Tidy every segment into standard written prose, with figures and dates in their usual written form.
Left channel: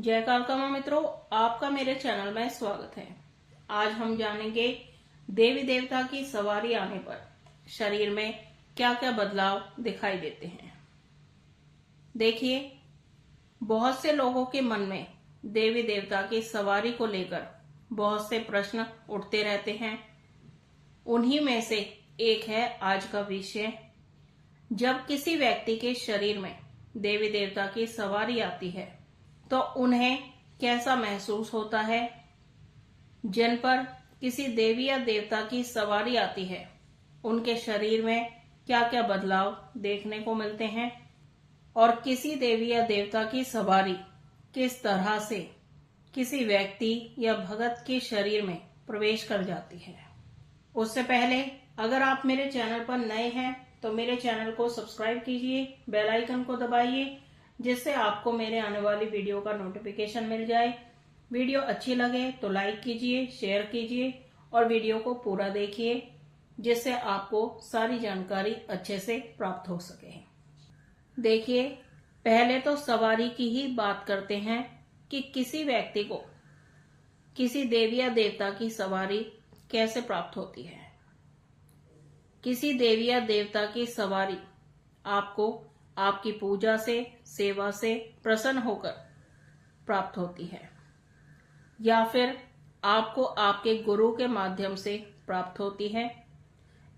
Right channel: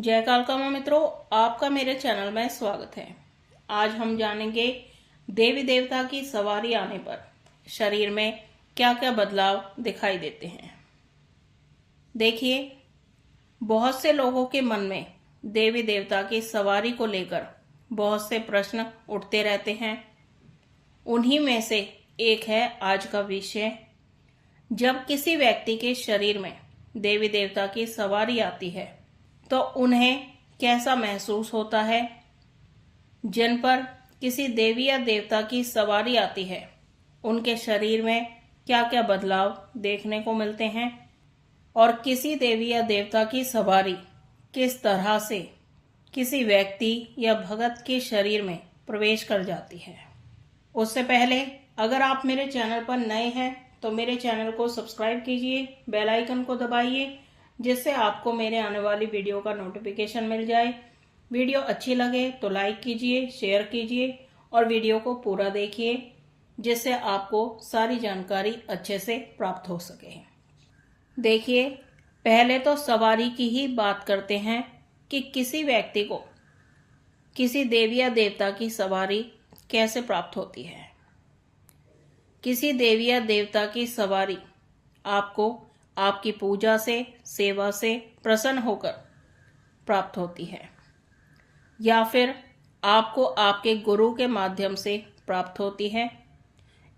जय कालका मित्रों, आपका मेरे चैनल में स्वागत है। आज हम जानेंगे देवी देवता की सवारी आने पर शरीर में क्या क्या बदलाव दिखाई देते हैं। देखिए, बहुत से लोगों के मन में देवी देवता की सवारी को लेकर बहुत से प्रश्न उठते रहते हैं। उन्हीं में से एक है आज का विषय। जब किसी व्यक्ति के शरीर में देवी देवता की सवारी आती है तो उन्हें कैसा महसूस होता है। जिन पर किसी देवी या देवता की सवारी आती है उनके शरीर में क्या क्या बदलाव देखने को मिलते हैं और किसी देवी या देवता की सवारी किस तरह से किसी व्यक्ति या भगत के शरीर में प्रवेश कर जाती है। उससे पहले अगर आप मेरे चैनल पर नए हैं तो मेरे चैनल को सब्सक्राइब कीजिए, बेल आइकन को दबाइए जिससे आपको मेरे आने वाली वीडियो का नोटिफिकेशन मिल जाए। वीडियो अच्छी लगे तो लाइक कीजिए, शेयर कीजिए और वीडियो को पूरा देखिए जिससे आपको सारी जानकारी अच्छे से प्राप्त हो सके। देखिए, पहले तो सवारी की ही बात करते हैं कि किसी व्यक्ति को किसी देवी या देवता की सवारी कैसे प्राप्त होती है। किसी देवी या देवता की सवारी आपको आपकी पूजा से, सेवा से प्रसन्न होकर प्राप्त होती है या फिर आपको आपके गुरु के माध्यम से प्राप्त होती है।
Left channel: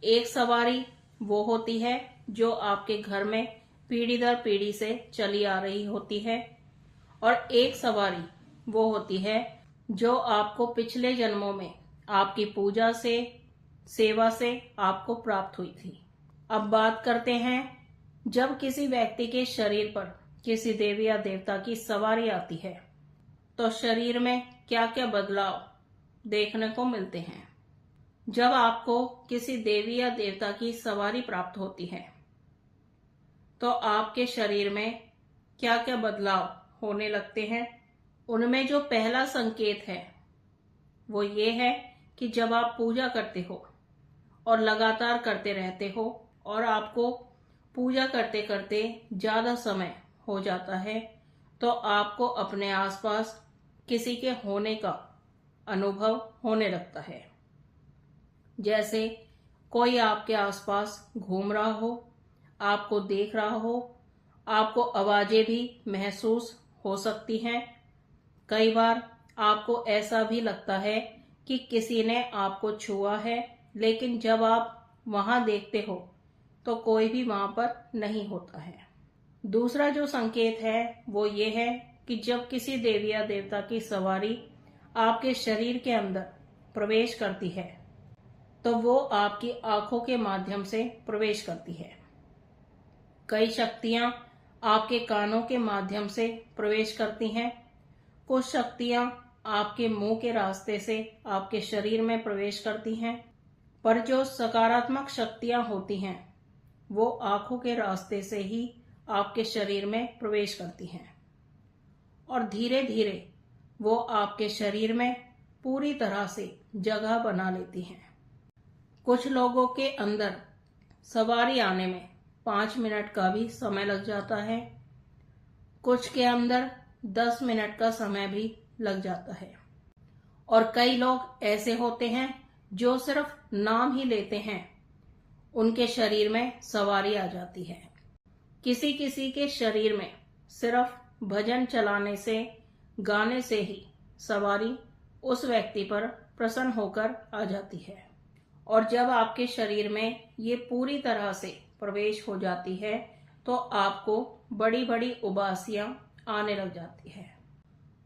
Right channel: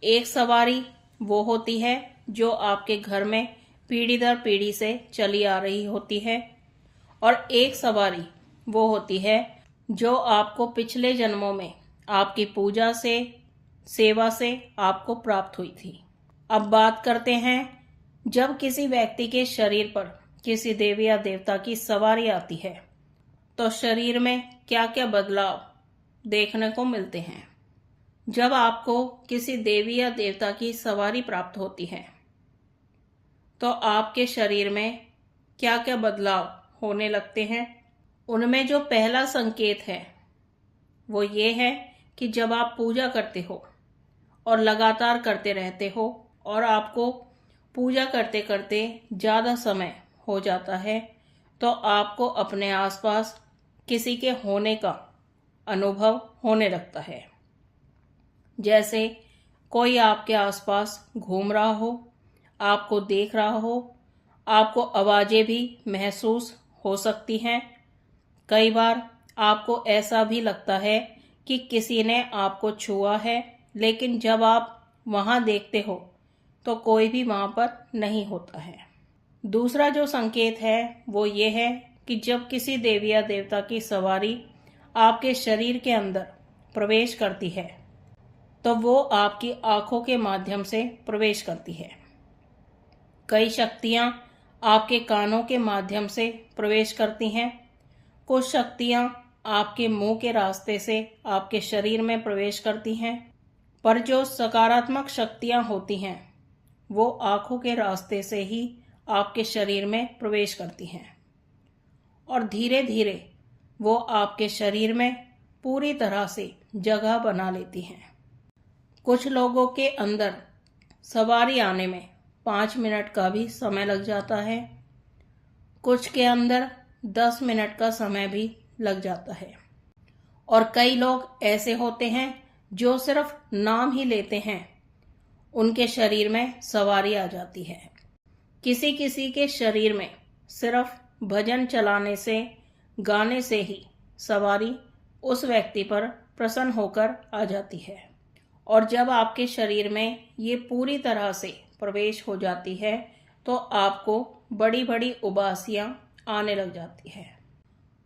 एक सवारी वो होती है जो आपके घर में पीढ़ी दर पीढ़ी से चली आ रही होती है और एक सवारी वो होती है जो आपको पिछले जन्मों में आपकी पूजा से, सेवा से आपको प्राप्त हुई थी। अब बात करते हैं, जब किसी व्यक्ति के शरीर पर किसी देवी या देवता की सवारी आती है तो शरीर में क्या क्या बदलाव देखने को मिलते हैं। जब आपको किसी देवी या देवता की सवारी प्राप्त होती है तो आपके शरीर में क्या क्या बदलाव होने लगते हैं। उनमें जो पहला संकेत है वो ये है कि जब आप पूजा करते हो और लगातार करते रहते हो और आपको पूजा करते करते ज्यादा समय हो जाता है तो आपको अपने आसपास किसी के होने का अनुभव होने लगता है। जैसे कोई आपके आसपास घूम रहा हो, आपको देख रहा हो, आपको आवाजें भी महसूस हो सकती हैं। कई बार आपको ऐसा भी लगता है कि किसी ने आपको छुआ है, लेकिन जब आप वहां देखते हो तो कोई भी वहां पर नहीं होता है। दूसरा जो संकेत है वो ये है कि जब किसी देवी या देवता की सवारी आपके शरीर के अंदर प्रवेश करती है तो वो आपकी आंखों के माध्यम से प्रवेश करती है। कई शक्तियां आपके कानों के माध्यम से प्रवेश करती हैं, कुछ शक्तियां आपके मुंह के रास्ते से आपके शरीर में प्रवेश करती हैं, पर जो सकारात्मक शक्तियां होती हैं वो आंखों के रास्ते से ही आपके शरीर में प्रवेश करती हैं और धीरे धीरे वो आपके शरीर में पूरी तरह से जगह बना लेती हैं। कुछ लोगों के अंदर सवारी आने में 5 मिनट का भी समय लग जाता है, कुछ के अंदर 10 मिनट का समय भी लग जाता है और कई लोग ऐसे होते हैं जो सिर्फ नाम ही लेते हैं उनके शरीर में सवारी आ जाती है। किसी किसी के शरीर में सिर्फ भजन चलाने से, गाने से ही सवारी उस व्यक्ति पर प्रसन्न होकर आ जाती है और जब आपके शरीर में ये पूरी तरह से प्रवेश हो जाती है तो आपको बड़ी बड़ी उबासियां आने लग जाती है।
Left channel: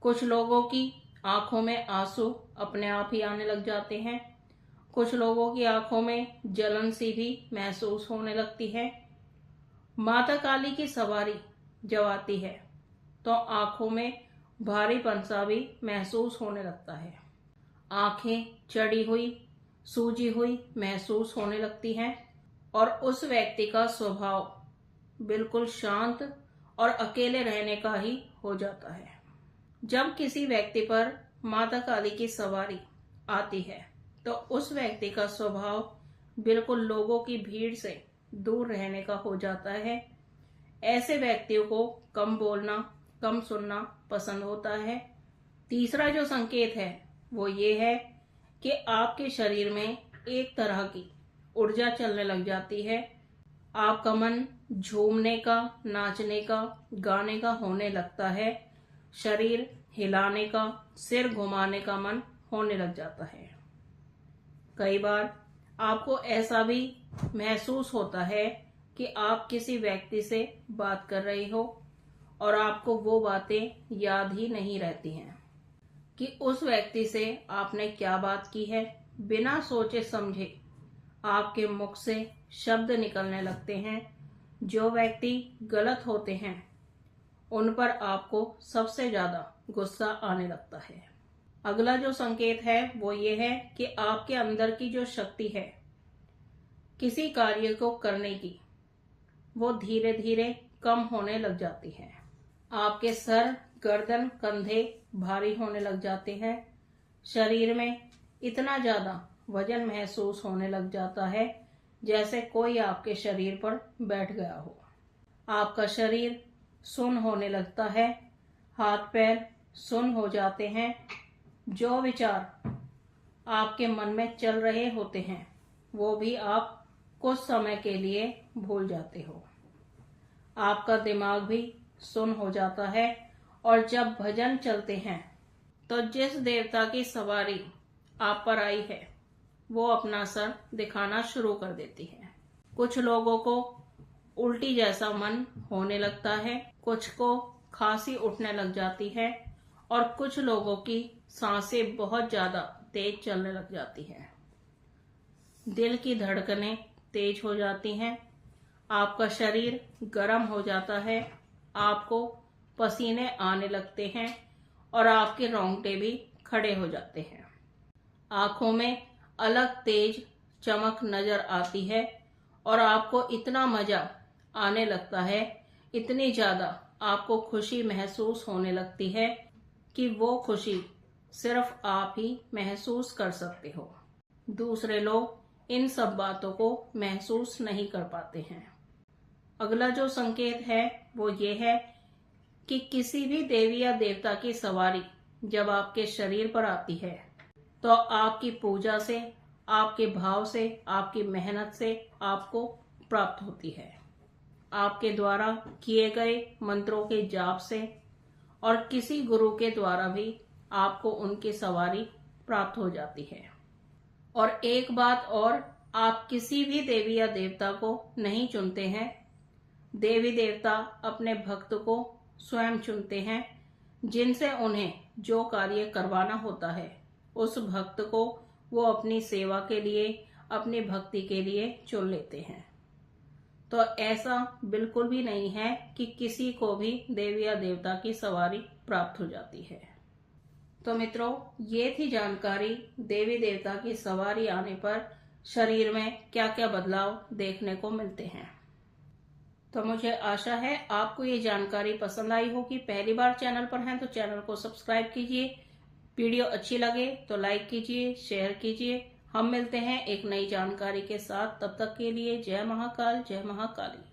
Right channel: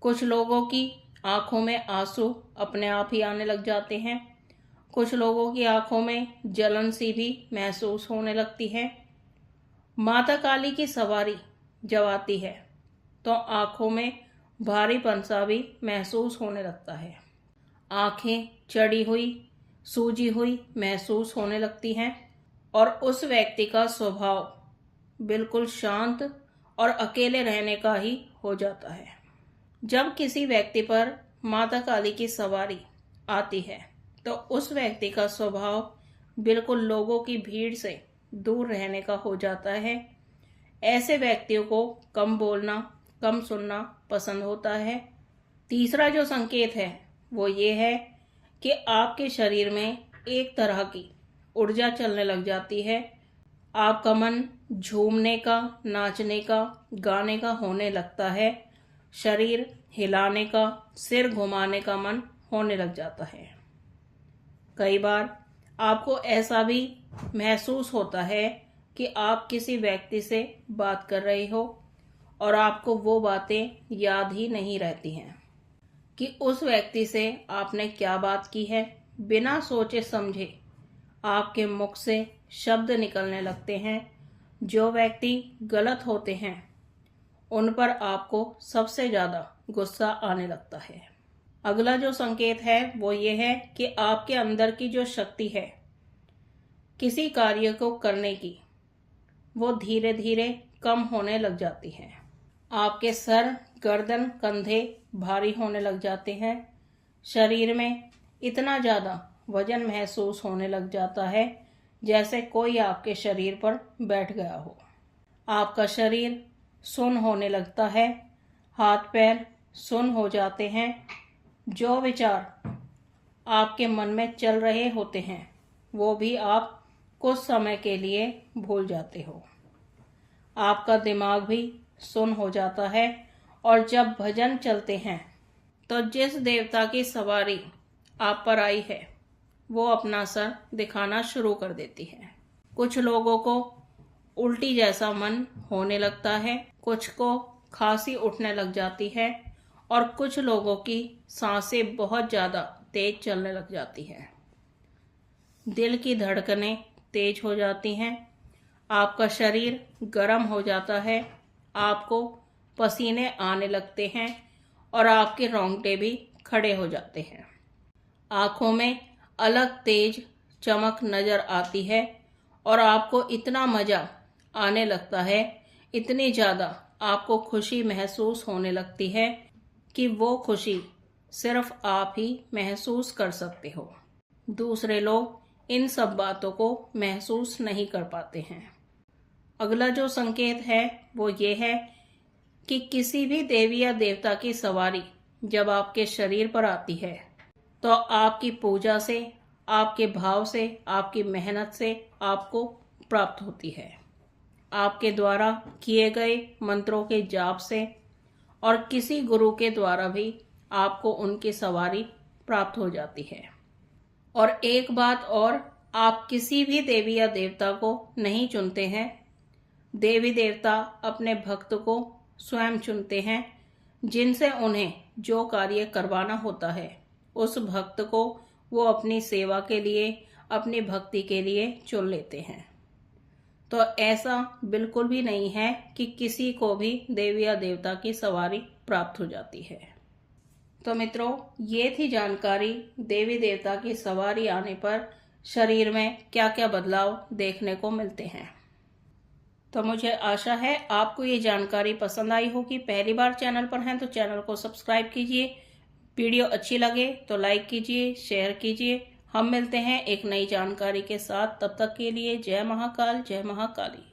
कुछ लोगों की आंखों में आंसू अपने आप ही आने लग जाते हैं, कुछ लोगों की आंखों में जलन सी भी महसूस होने लगती है। माता काली की सवारी जब आती है तो आंखों में भारीपन सा भी महसूस होने लगता है, आंखें चढ़ी हुई, सूजी हुई महसूस होने लगती हैं और उस व्यक्ति का स्वभाव बिल्कुल शांत और अकेले रहने का ही हो जाता है। जब किसी व्यक्ति पर माता काली की सवारी आती है तो उस व्यक्ति का स्वभाव बिल्कुल लोगों की भीड़ से दूर रहने का हो जाता है। ऐसे व्यक्तियों को कम बोलना, कम सुनना पसंद होता है। तीसरा जो संकेत है वो ये है कि आपके शरीर में एक तरह की ऊर्जा चलने लग जाती है। आपका मन झूमने का, नाचने का, गाने का होने लगता है। शरीर हिलाने का, सिर घुमाने का मन होने लग जाता है। कई बार आपको ऐसा भी महसूस होता है कि आप किसी व्यक्ति से बात कर रहे हो और आपको वो बातें याद ही नहीं रहती हैं कि उस व्यक्ति से आपने क्या बात की है। बिना सोचे समझे आपके मुख से शब्द निकलने लगते हैं। जो व्यक्ति गलत होते हैं उन पर आपको सबसे ज्यादा गुस्सा आने लगता है। अगला जो संकेत है वो ये है कि आपके अंदर की जो शक्ति है किसी कार्य को करने की, वो धीरे धीरे कम होने लग जाती है। आपके सर, गर्दन, कंधे भारी होने लग जाते हैं। शरीर में इतना ज्यादा वजन महसूस होने लग जाता है जैसे कोई आपके शरीर पर बैठ गया हो। आपका शरीर सुन्न होने लगता है, हाथ पैर सुन्न हो जाते हैं। जो विचार आपके मन में चल रहे होते हैं वो भी आप कुछ समय के लिए भूल जाते हो। आपका दिमाग भी सुन्न हो जाता है और जब भजन चलते हैं तो जिस देवता की सवारी आप पर आई है वो अपना सर दिखाना शुरू कर देती है। कुछ लोगों को उल्टी जैसा मन होने लगता है, कुछ को खांसी उठने लग जाती है और कुछ लोगों की सांसें बहुत ज्यादा तेज चलने लग जाती हैं। दिल की धड़कनें तेज हो जाती हैं। आपका शरीर गर्म हो जाता है, आपको पसीने आने लगते हैं और आपके रोंगटे भी खड़े हो जाते हैं। आंखों में अलग तेज चमक नजर आती है और आपको इतना मजा आने लगता है, इतनी ज्यादा आपको खुशी महसूस होने लगती है कि वो खुशी सिर्फ आप ही महसूस कर सकते हो। दूसरे लोग इन सब बातों को महसूस नहीं कर पाते हैं। अगला जो संकेत है वो ये है कि किसी भी देवी या देवता की सवारी जब आपके शरीर पर आती है तो आपकी पूजा से, आपके भाव से, आपकी मेहनत से आपको प्राप्त होती है। आपके द्वारा किए गए मंत्रों के जाप से और किसी गुरु के द्वारा भी आपको उनकी सवारी प्राप्त हो जाती है। और एक बात और, आप किसी भी देवी या देवता को नहीं चुनते हैं। देवी देवता अपने भक्त को स्वयं चुनते हैं, जिनसे उन्हें जो कार्य करवाना होता है उस भक्त को वो अपनी सेवा के लिए, अपनी भक्ति के लिए चुन लेते हैं। तो ऐसा बिल्कुल भी नहीं है कि किसी को भी देवी या देवता की सवारी प्राप्त हो जाती है। तो मित्रों, ये थी जानकारी देवी देवता की सवारी आने पर शरीर में क्या क्या बदलाव देखने को मिलते हैं। तो मुझे आशा है आपको ये जानकारी पसंद आई होगी। पहली बार चैनल पर हैं तो चैनल को सब्सक्राइब कीजिए। वीडियो अच्छी लगे तो लाइक कीजिए, शेयर कीजिए। हम मिलते हैं एक नई जानकारी के साथ। तब तक के लिए जय महाकाल, जय महाकाली।